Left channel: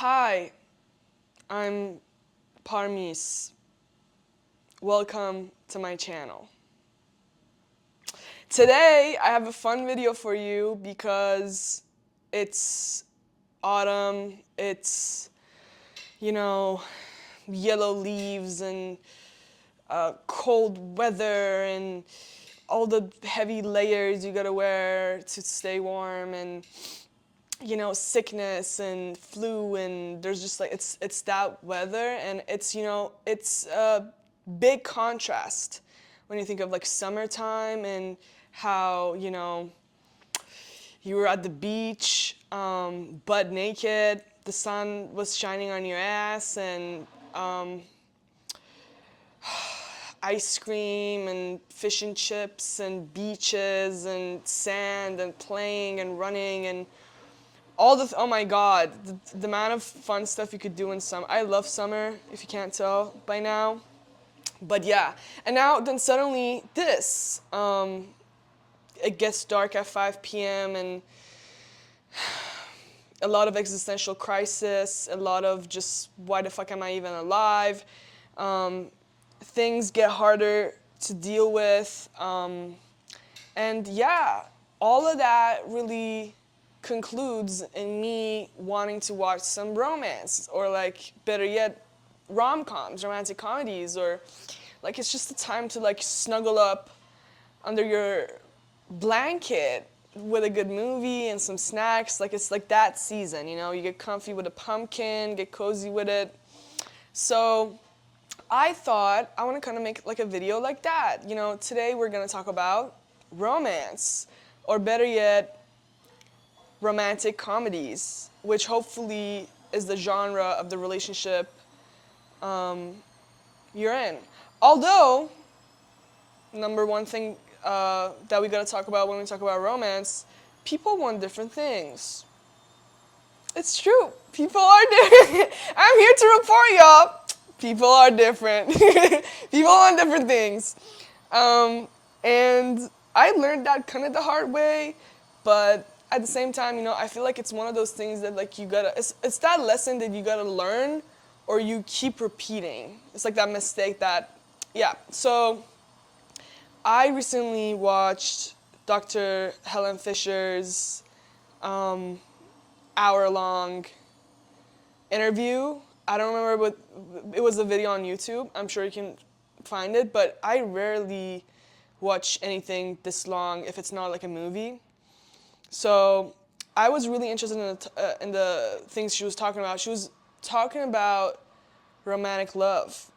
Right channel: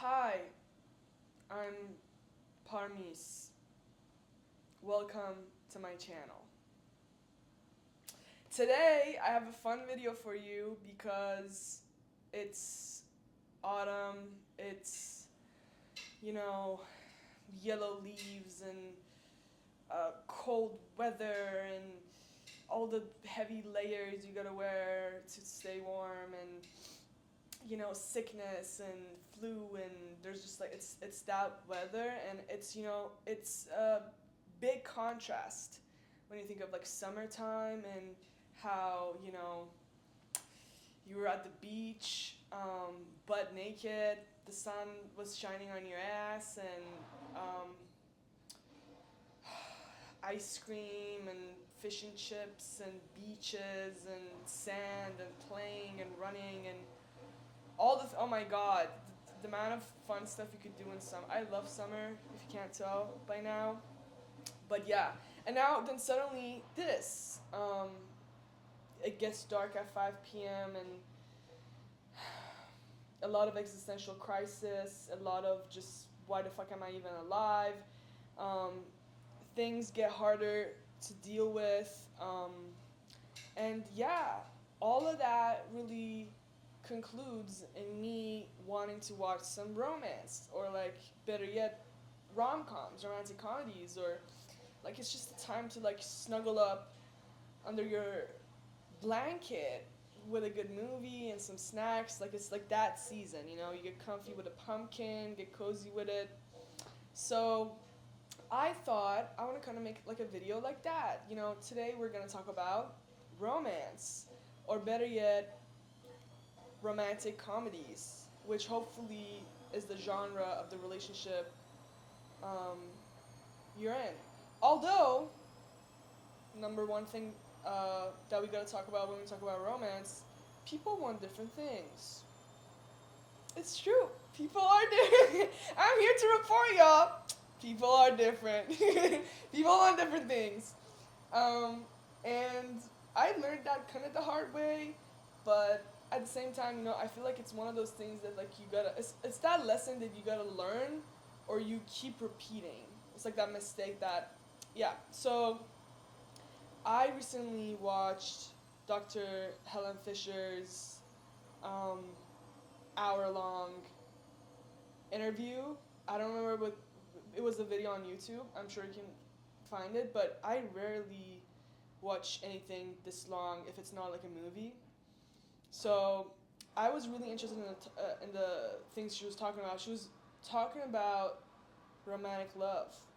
Hi, I'm Parmis. Welcome to my channel. Today I have a fun video for you because it's autumn, it's, you know, yellow leaves and cold weather and all the heavy layers you gotta wear to stay warm and sickness and flu, and there's just like it's that weather, and it's a big contrast when you think of like summertime and how you were at the beach, butt naked, the sun was shining on your ass, and um, ice cream and fish and chips and beaches and sand and playing and running and oh my god, the amount of fun stuff you could do in summer. I love summer, if you can't tell by now. But yeah, and now then suddenly this, it gets dark at 5 p.m. and a lot of existential crisis, a lot of just why the fuck am I even alive? Um, Things get harder to deal with, and yeah, all of that really concludes in me wanting to watch some romance, or like better yet, rom-coms, romantic comedies, or like it's just a time to like snuggle up under your blanket with a good movie and some snacks. Like it's like that season, you get comfy with a pumpkin, get cozy with it. So I thought I want to kind of make like a video like that. Today we're going to talk about romance, or better yet, romantic comedies, which hopefully is the genre of the relationship you're in. Although, number one thing that we got to talk about when we talk about romance, people want different things. It's true. People are different. I'm here to report, y'all. People are different. People want different things. And I learned that kind of the hard way, but at the same time, I feel like it's one of those things that like it's that lesson that you gotta learn, or you keep repeating. It's like that mistake that, yeah. So I recently watched Dr. Helen Fisher's hour-long interview. I don't remember what it was, a video on YouTube. I'm sure you can find it, but I rarely watch anything this long if it's not like a movie. So I was really interested in the things she was talking about. She was talking about romantic love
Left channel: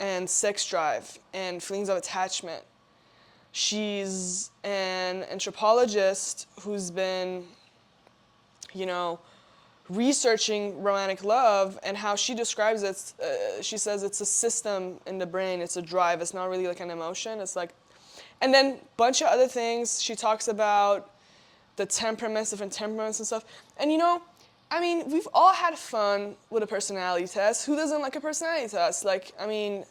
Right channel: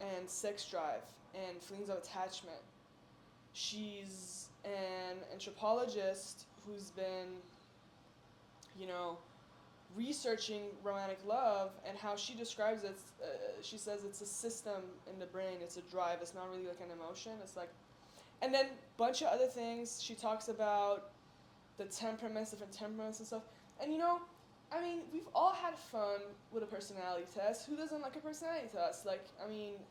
and sex drive and feelings of attachment. She's an anthropologist who's been, you know, researching romantic love, and how she describes it. She says it's a system in the brain. It's a drive. It's not really like an emotion. It's like, and then bunch of other things. She talks about the temperaments, different temperaments and stuff. And I mean, we've all had fun with a personality test. Who doesn't like a personality test? Like, I mean,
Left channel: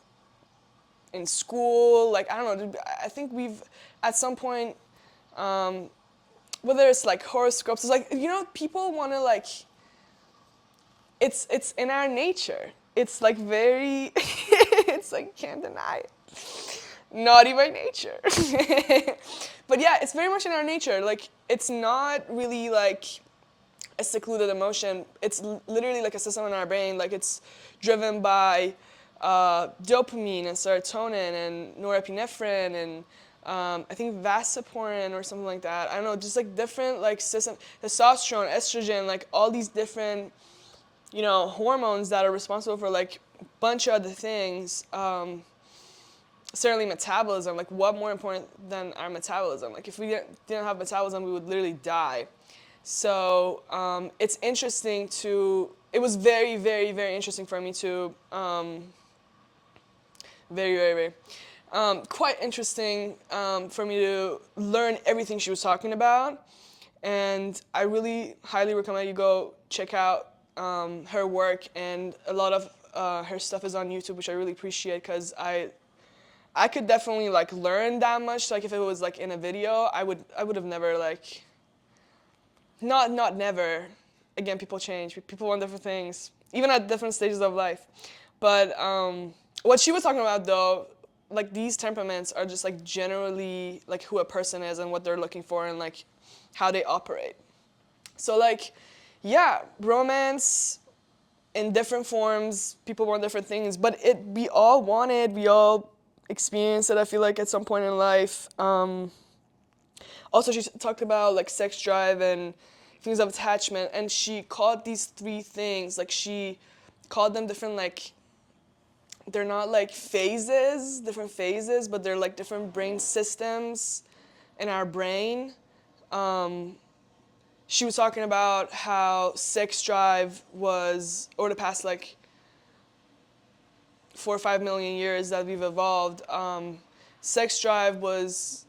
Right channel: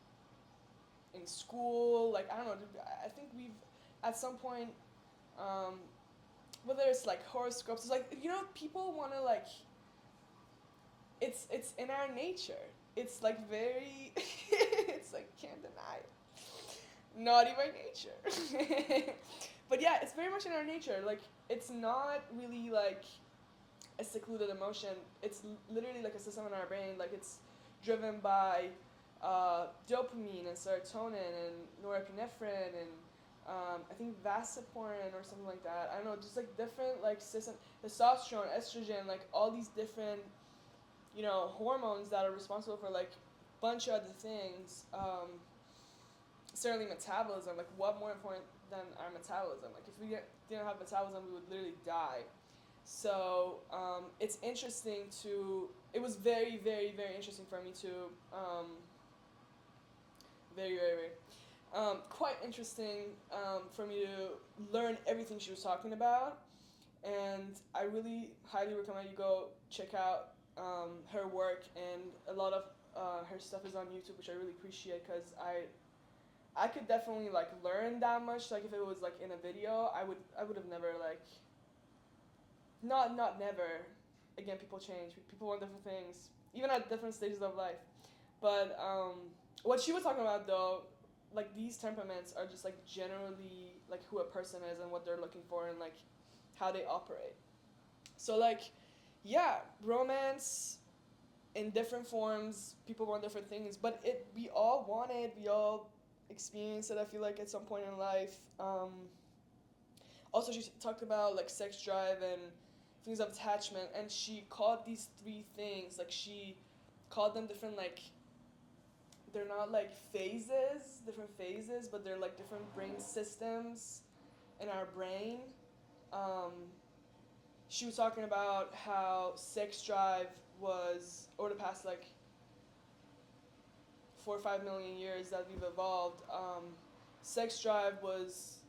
in school, like, I don't know, I think we've, at some point, whether it's like horoscopes, it's like, people want to like, it's in our nature. It's like very, it's like, can't deny it. Naughty by nature. But yeah, it's very much in our nature. Like, it's not really like a secluded emotion. It's literally like a system in our brain. Like, it's driven by dopamine and serotonin and norepinephrine and I think vasopressin or something like that. I don't know, just like different like system, testosterone, estrogen, like all these different hormones that are responsible for like a bunch of other things. Certainly metabolism. Like, what more important than our metabolism? Like, if we didn't have metabolism, we would literally die. So it's interesting to. It was very, very, very interesting for me to. Very, very, very. Quite interesting for me to learn everything she was talking about, and I really highly recommend you go check out her work, and a lot of her stuff is on YouTube, which I really appreciate, because I could definitely like learn that much. Like, if it was like in a video, I would have never like, not never. again, people change. People want different things, even at different stages of life. But what she was talking about, though, like these temperaments are just like generally like who a person is and what they're looking for and like how they operate. So like, yeah, romance in different forms, people want different things, but we all experienced it, I feel like, at some point in life. Also, she talked about like sex drive and things of attachment, and she called these three things, like she called them different, like, they're not like different phases, but they're like different brain systems in our brain. Um, she was talking about how sex drive was, over the past like 4 or 5 million years that we've evolved, sex drive was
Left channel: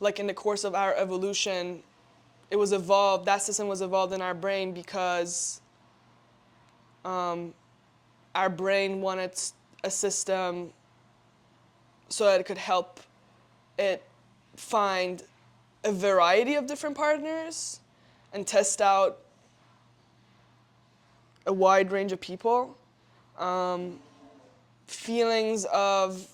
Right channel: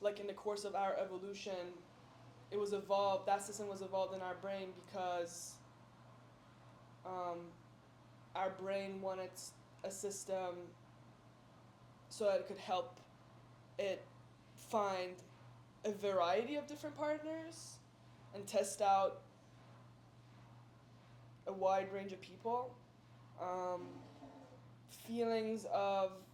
like in the course of our evolution, it was evolved, that system was evolved in our brain because our brain wanted a system so that it could help it find a variety of different partners and test out a wide range of people. Feelings of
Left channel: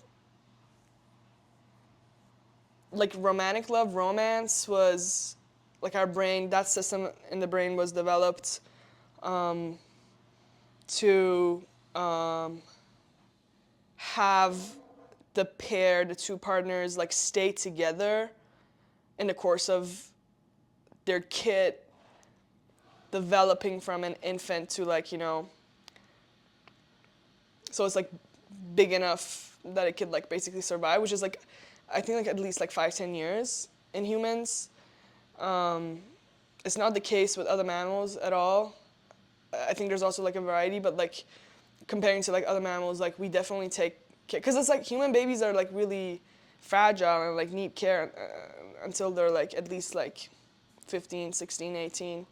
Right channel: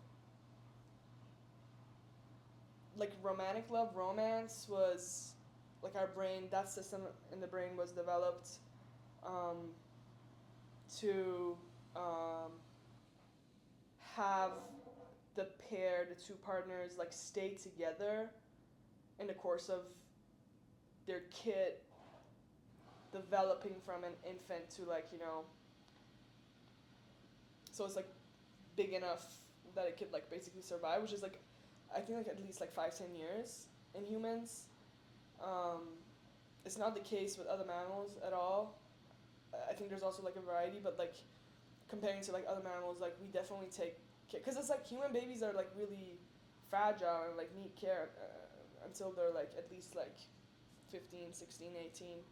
like romantic love, romance was like our brain, that system in the brain was developed to have the two partners like stay together in the course of their kid developing from an infant to like, so it's like big enough that it could like basically survive, which is like, I think like at least like 5-10 years in humans. It's not the case with other mammals at all. I think there's also like a variety, but like comparing to like other mammals, like we definitely take care, because it's like human babies are like really fragile and like need care until they're like at least like 15, 16, 18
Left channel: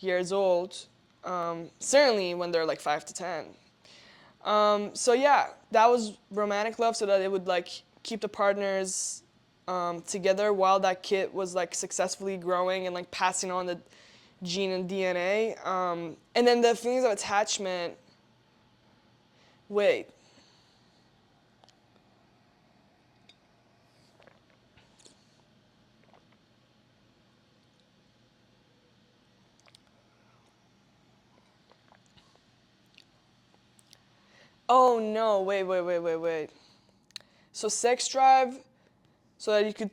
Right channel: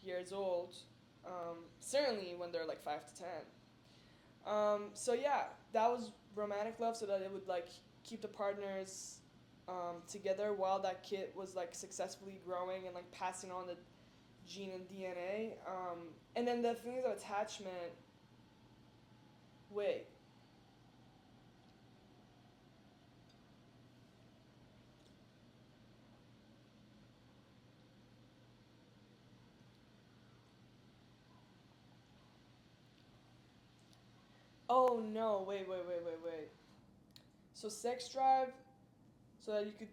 years old. Certainly when they're like 5 to 10. So yeah, that was romantic love, so that it would like keep the partners together while that kid was like successfully growing and like passing on the gene and DNA. And then the feelings of attachment. Wait. Oh no, wait. So sex drive, so that you could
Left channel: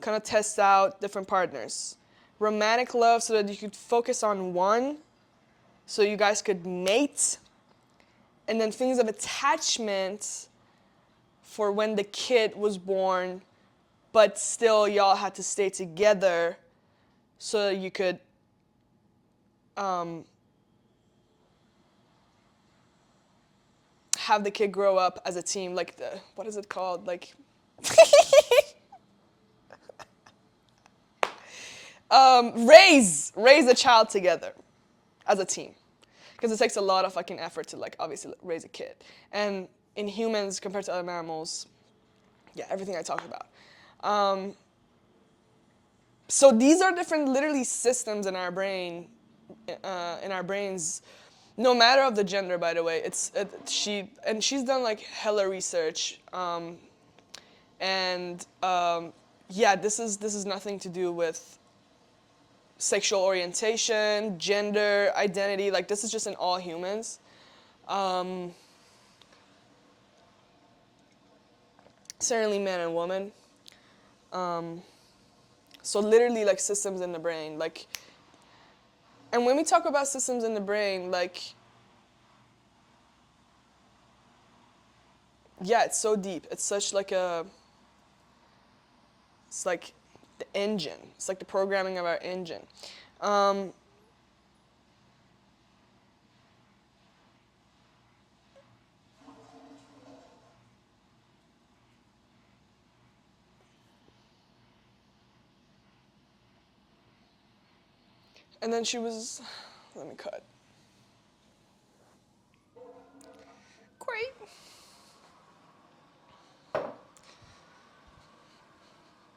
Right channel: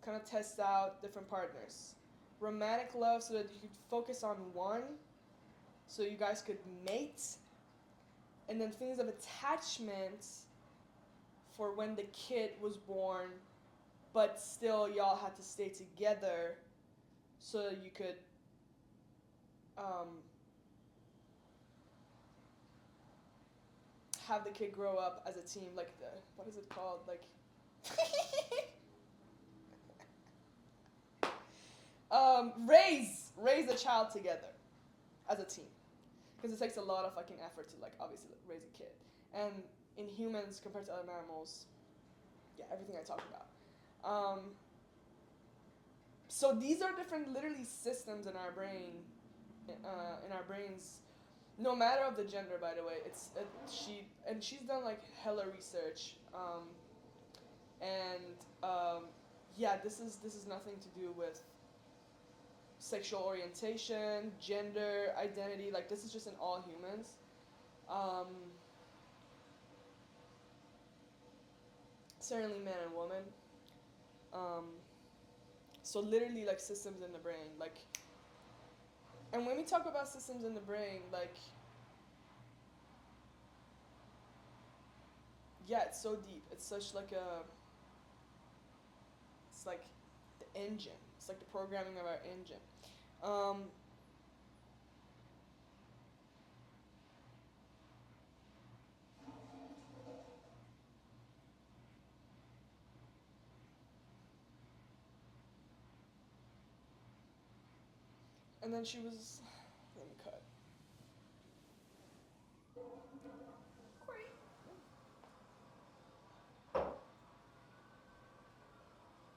kind of test out different partners. Romantic love, so that you could focus on one, so you guys could mate. And then feelings of attachment for when the kid was born, but still y'all had to stay together so that you could have the kid grow up as a team. Like what is it called? Like raise a child together as a team, because it takes a lot of fucking effort to like obviously raise a kid. And in humans compared to other mammals, yeah, everything I talked about. So these are different, literally, systems in our brain, in our brains, no matter of the gender. By the way, she's done like hella research, and yeah, this is nothing to do with sexual orientation, gender, identity. Like this is just in all humans. Certainly man and woman. So literally like systems in the brain, like, and when we talk about systems in the brain, like, yeah, it's so deep. It's such like it's like the engine. It's like the programming of our engine. And then she was, let me cut.